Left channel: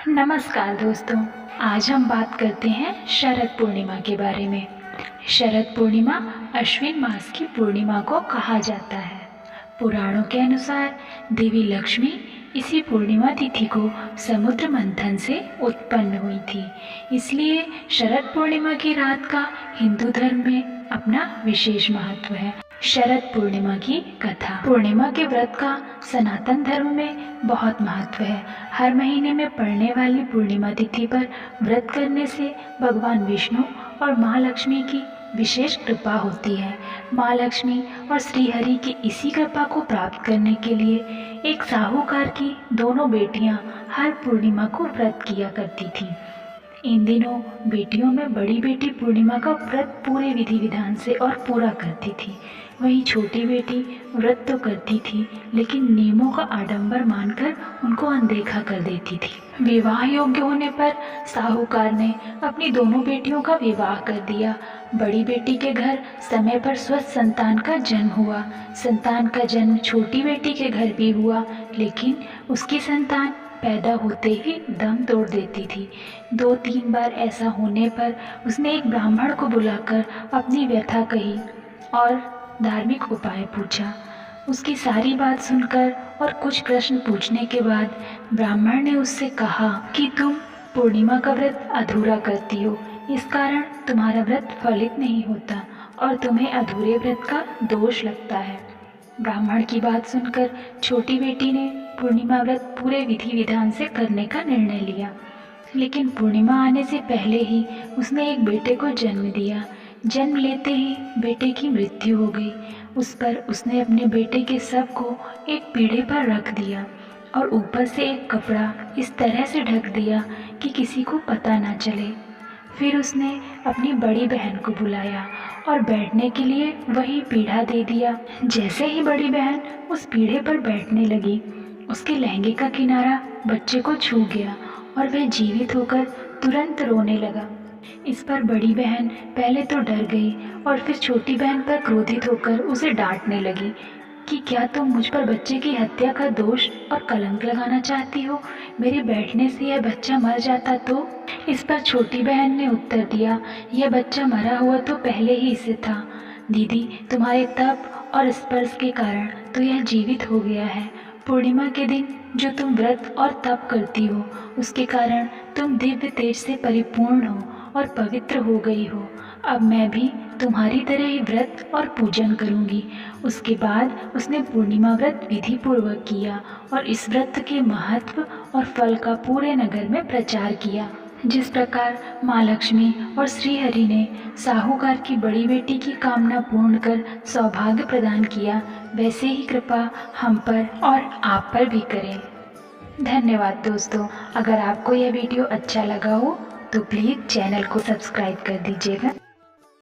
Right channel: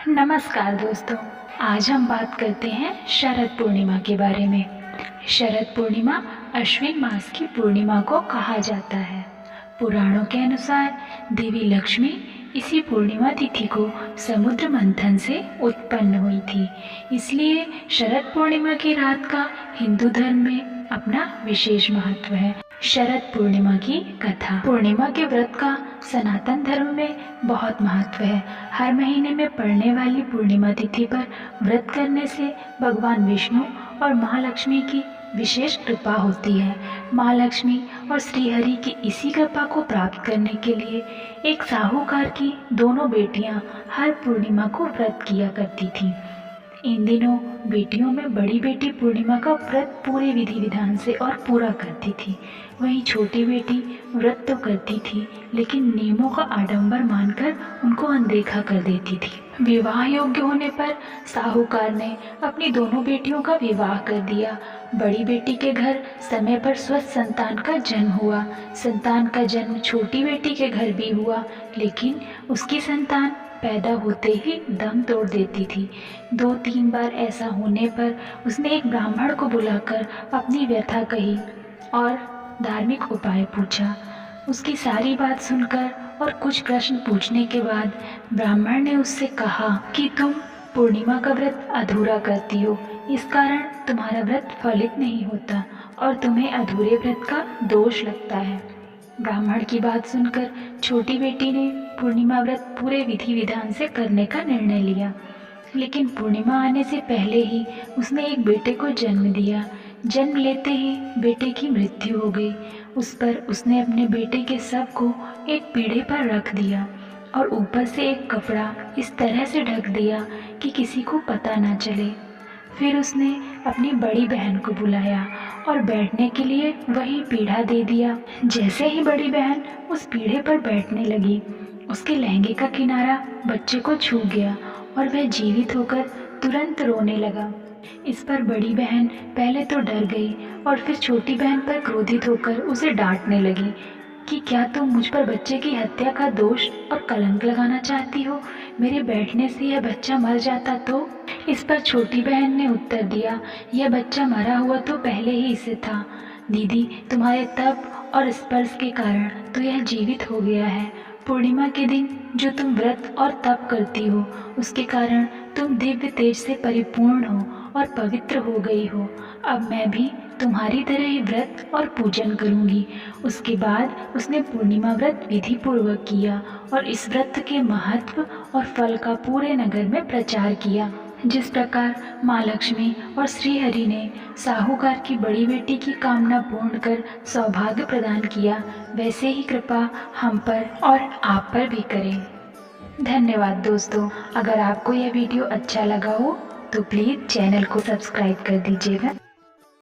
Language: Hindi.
नमस्कार दोस्तों, आज हम बात करते हैं शरद पूर्णिमा के बारे में। शरद पूर्णिमा अश्विन मास की पूर्णिमा को कहा जाता है। पुराणों के अनुसार देवी लक्ष्मी इसी पूर्णिमा तिथि को समुद्र मंथन से उत्पन्न हुई थी, इसलिए शरद पूर्णिमा की रात का हिंदू धर्म में अपना विशेष महत्व है। शरद पूर्णिमा की कथा। पूर्णिमा के व्रत का सनातन धर्म में बहुत महत्व है। हर महीने में पड़ने वाली पूर्णिमा तिथि पर व्रत करने से भगवान विष्णु और माँ लक्ष्मी की विशेष कृपा होती है। माँ लक्ष्मी और श्रीहरि की इसी कृपा को प्राप्त करने के लिए एक साहूकार की दोनों बेटियां हर पूर्णिमा को व्रत किया करती थीं। इन दिनों बेटियों में बड़ी बेटी पूर्णिमा का व्रत पूरे विधि विधान से और पूरा करती थी, वहीं छोटी बेटी व्रत तो करती थी लेकिन नियमों का आडंबर मानकर उनको अनदेखा कर देती थी। विवाह योग्य होने पर साहूकार ने अपनी दोनों बेटियों का विवाह कर दिया। बड़ी बेटी के घर समय पर स्वस्थ संतान का जन्म हुआ। संतान का जन्म छोटी बेटी के घर भी हुआ, लेकिन उसकी संतान पैदा होते ही दम तोड़ देती थी। 2-3 बार ऐसा होने पर उसने एक ब्राह्मण को बुलाकर अपनी व्यथा कही और धार्मिक उपाय पूछा। उसकी सारी बात सुनकर और कुछ प्रश्न पूछने के बाद ब्राह्मण ने उससे कहा कि तुम पूर्णिमा का व्रत अधूरा करती हो, इस कारण तुम्हारा व्रत फलित नहीं होता और तुम्हें अधूरे व्रत का दोष लगता है। ब्राह्मण की बात सुनकर छोटी बेटी ने पूर्णिमा व्रत पूरे विधि विधान से करने का निर्णय लिया, लेकिन पूर्णिमा आने से पहले ही उसने एक बेटे को जन्म दिया। जन्म लेते ही बेटे की मृत्यु हो गई। उस पर उसने अपने बेटे के शव को एक पीढ़े पर रख दिया और ऊपर से एक कपड़ा इस तरह से ढक दिया कि किसी को पता ना चले। फिर उसने अपनी बड़ी बहन को बुलाया और बैठने के लिए वही पीढ़ा दे दिया। जैसे ही बड़ी बहन उस पीढ़े पर बैठने लगी, उसके लहंगे का किनारा बच्चे को छू गया और वह जीवित होकर तुरंत रोने लगा। इस पर बड़ी बहन पहले तो डर गई और फिर छोटी बहन पर क्रोधित होकर उसे डांटने लगी कि क्या तुम मुझ पर बच्चे की हत्या का दोष और कलंक लगाना चाहती हो? मेरे बैठने से यह बच्चा मर जाता तो? इस पर छोटी बहन ने उत्तर दिया, यह बच्चा मरा हुआ तो पहले ही इसे था। दीदी, तुम्हारे तप और स्पर्श के कारण तो यह जीवित हो गया है। पूर्णिमा के दिन जो तुम व्रत और तप करती हो, उसके कारण तुम दिव्य तेज से परिपूर्ण हो और पवित्र हो गई हो। अब मैं भी तुम्हारी तरह ही व्रत और पूजन करूंगी। उसके बाद उसने पूर्णिमा व्रत विधि पूर्वक किया और इस व्रत के महत्व और फल का पूरे नगर में प्रचार किया। जिस प्रकार माँ लक्ष्मी और श्रीहरि ने साहूकार की बड़ी बेटी की कामना पूर्ण कर सौभाग्य प्रदान किया, वैसे ही कृपा हम पर और आप पर भी करें। धन्यवाद दोस्तों। अगर आपको यह वीडियो अच्छा लगा हो तो प्लीज़ चैनल को सब्सक्राइब कर दीजिएगा।